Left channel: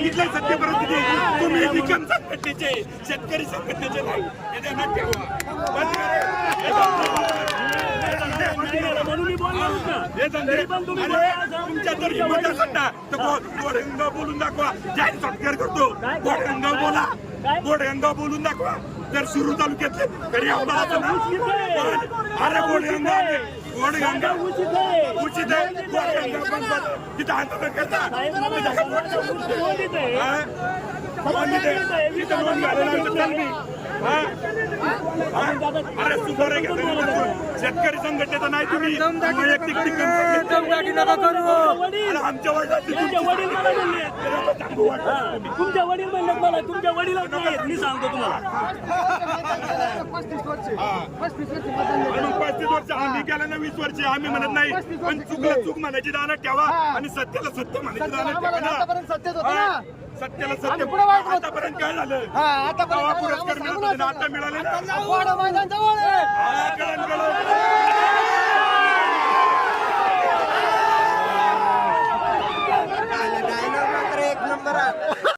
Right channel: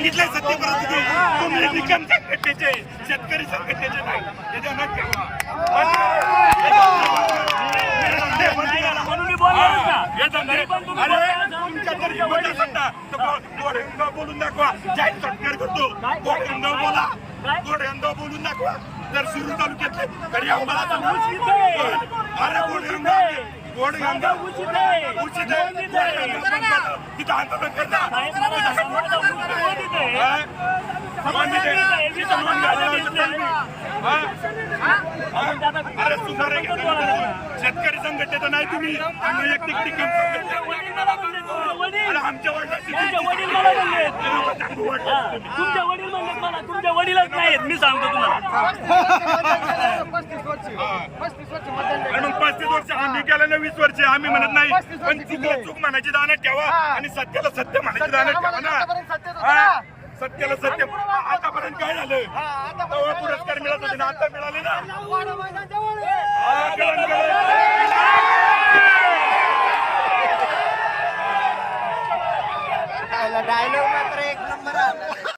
सांगितलंय सत्य परिस्थिती तुम्ही निकम संघटनेचे शेतकरी संघटनेचे नाही. हे ठेवा. करा. म्हणून मी बोलणारच ना. हे धंदे. तुमच्या बोलून दाखवा. जाहीर सत्कार करतो. बोला. बोलून दाखवा. जर तालुक्यातले तरी आम्हाला. गोड- अरे आता उचित आहे. उचित. तिथं आंदोलन करता. अरे सुधारे शेतकरी संघटनेचं नाही तुम्ही वैयक्तिक आमच्या वडिलांची तुमच्या वडील मला म्हणले सांगू वाटत हा, वडील म्हणले मला तुमच्या वडीलच नाहीत. मी सांगतो तुम्हाला. पस्तीस वर्ष हा. पस्तीस वर्ष मतदान आणि मग पस्तीस वर्ष आम्ही केलं ना वीस वर्ष आम्ही म्हणत नाही पस्तीस वर्ष पण चुकलं? चूक म्हणायची दानात ठेवा हा. आणि सत्याला सत्य म्हणायची सत्य दानात ठेवा आम्हाला आतापर्यंत सत्यच ना होतं हा? ना. सत्याला सत्य पुढं वाढलं. आतापर्यंत काय झालं हा, आतापर्यंत तेव्हा पुरस्कार मिळत होते ना आता मिळाले ना वाडा मैदान जवळ आहे. हा कळण कळण डायलॉग मात्र एक नंबर आला